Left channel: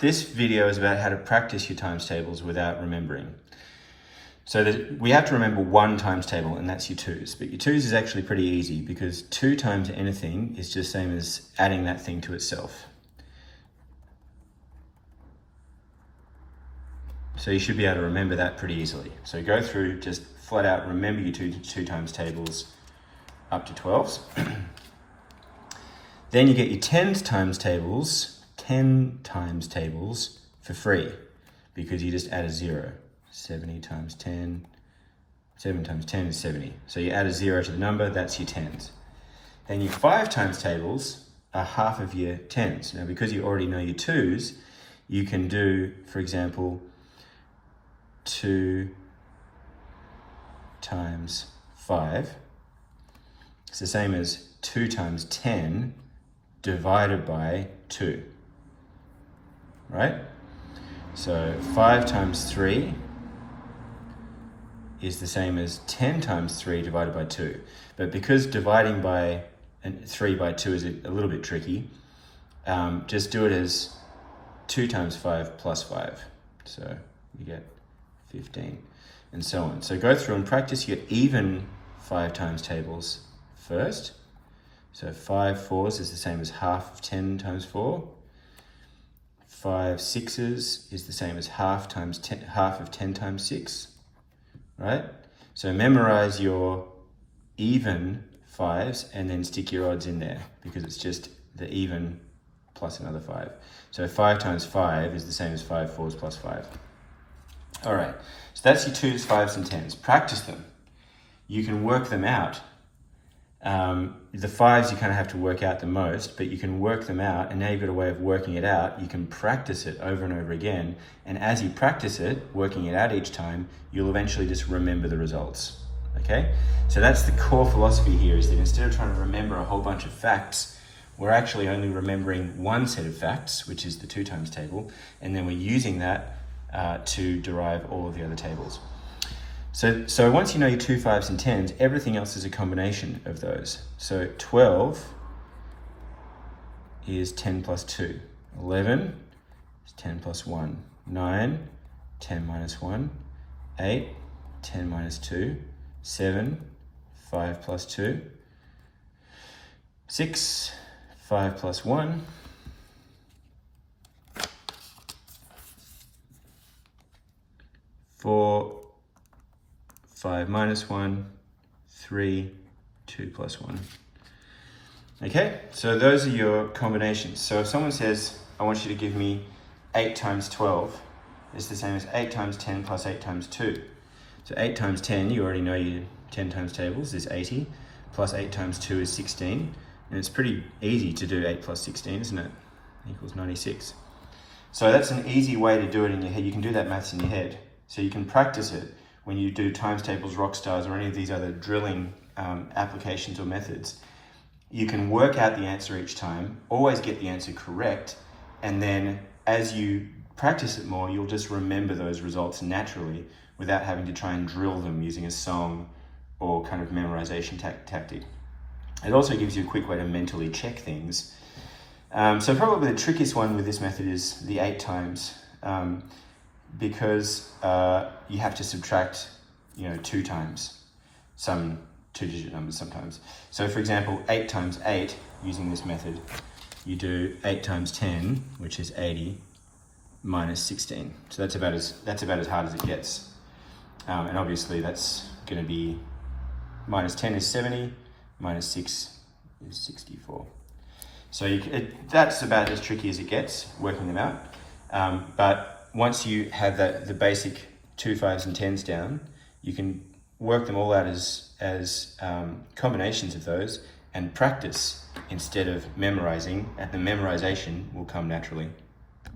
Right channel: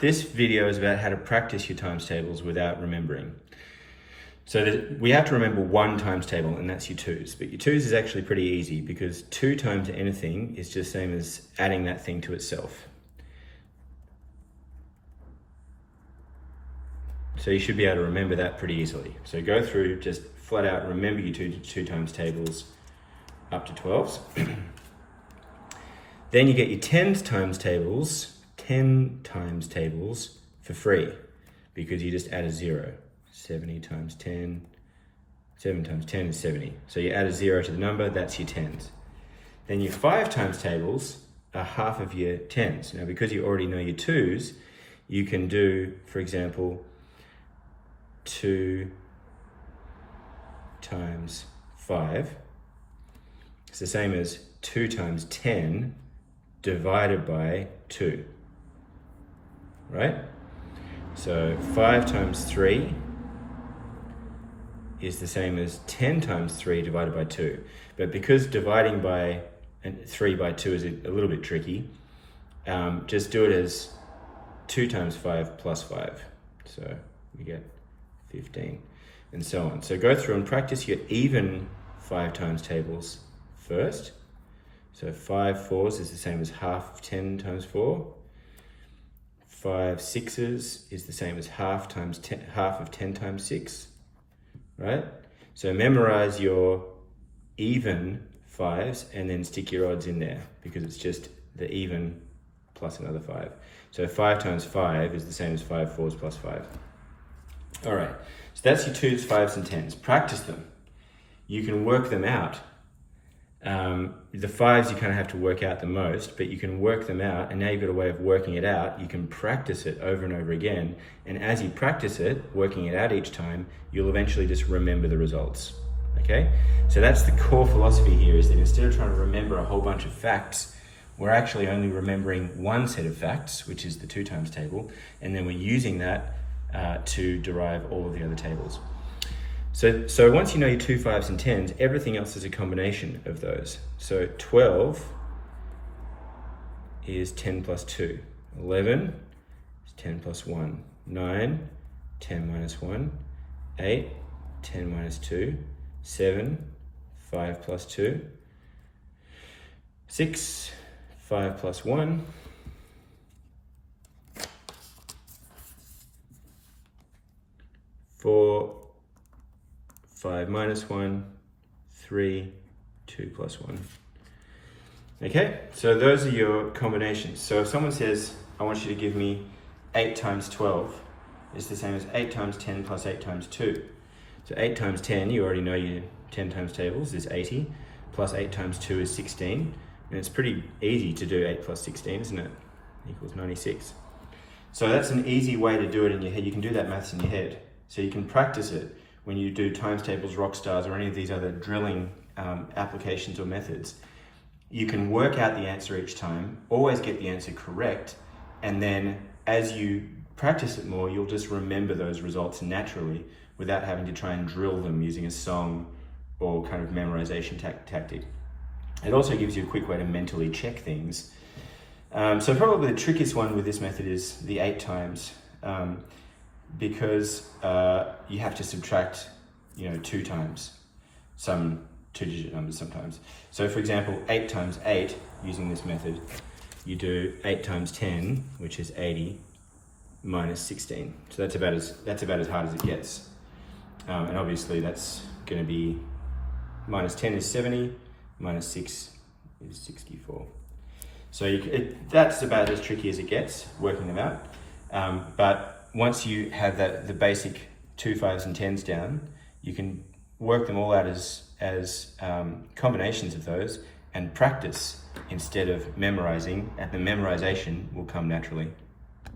This video is about how to practice your times tables without remembering. So we have to remember one times table, and that's your twos. But your twos is actually pretty easy because 2 times anything is just the same as adding that thing to itself. So you should be able to remember that pretty easily. So go through, just flat out remember your two times tables up to 12s. Then you get your 10 times tables for free because you just add a 0. 70 times 10, 7 times 10 is 70. So you add a 0 to the number, that's your 10s. Then your 5 times tables are half of your 10s. Now because you already know your 2s, you can do, for example, 2 times 5. It's the same as 2 times 10 divided by 2, right? So 5 times 3 is the same as 10 times 3 divided by 2. But because dividing by 3 by 2 is a little bit tricky, just do it as 2 times 5 plus 5. So you get 15 and so on. So go through and practice your even 5 times tables first. So 5 fours is the same as half of 10 times 4. 5 sixes is the same as half of 10 times 6, right? So memorize your even 5s and then stick your odds in there because it's just the even plus another 5. So 5 times 5 is the same as 5 fours plus 5. All right, so that's your 2s, 5s, and 10s. Practice them. You can work them out. The 5s you kind of have to work out the most, but you can work them out, and now you've got a way of working it out. You can practice it over and over again, and as you practice it, working it out each time, you'll eventually just remember the results, okay? So that's the core philosophy here, is that instead of trying to remember a whole bunch of facts, we're actually only remembering one set of facts, which is the 2 times table, and then we're using that to derive all of the other tables. So once you know your 2, 5s, and 10s, everything else is a combination of those. So 12 is 10 plus 2. 11 is 10 plus 1. 9, 10 minus 1. 8, 10 minus 2. 7, 5 plus 2. 6, 5 plus 1. 4, 5 minus 1, 3, 2 plus 1. Okay, so those are your combinations. So if someone says, I want you to give me 8 times 12, it's the same as 8 times 10 plus 8 times 2. So 8 times 10, you already know your 10 times tables, is 80, plus 8 times 2 is 16. And it's pretty easy to do 8 plus 16, isn't it? Equals 96. So that's an easy way to do it in your head. You can do that maths in your head. So you can practice it when you do times tables, rock stars, or any of these other drilling applications or methods. You can work out the answer each time, always get the answer correct, and then as you practice it more, you'll just remember those results naturally without having to try and drill them using a song or kind of memorization tactic. It also gives you a quick way to mentally check things. So probably the trickiest one with this method is the 8 times. Because you have to subtract, 2 times some 2-digit numbers sometimes. So for example, 8 times 8, using this method, you do 8 times 10, which is 80, minus 16. So that's about as hard as it gets. And obviously that's going to be minus 10 is 70, minus 6 is 64. So that's about as tricky as it gets, working them out. But once you have the basic 2, 5s, and 10s down, you can work them all out as combinations of those and practice instead of memorizing, and the memorization will come naturally.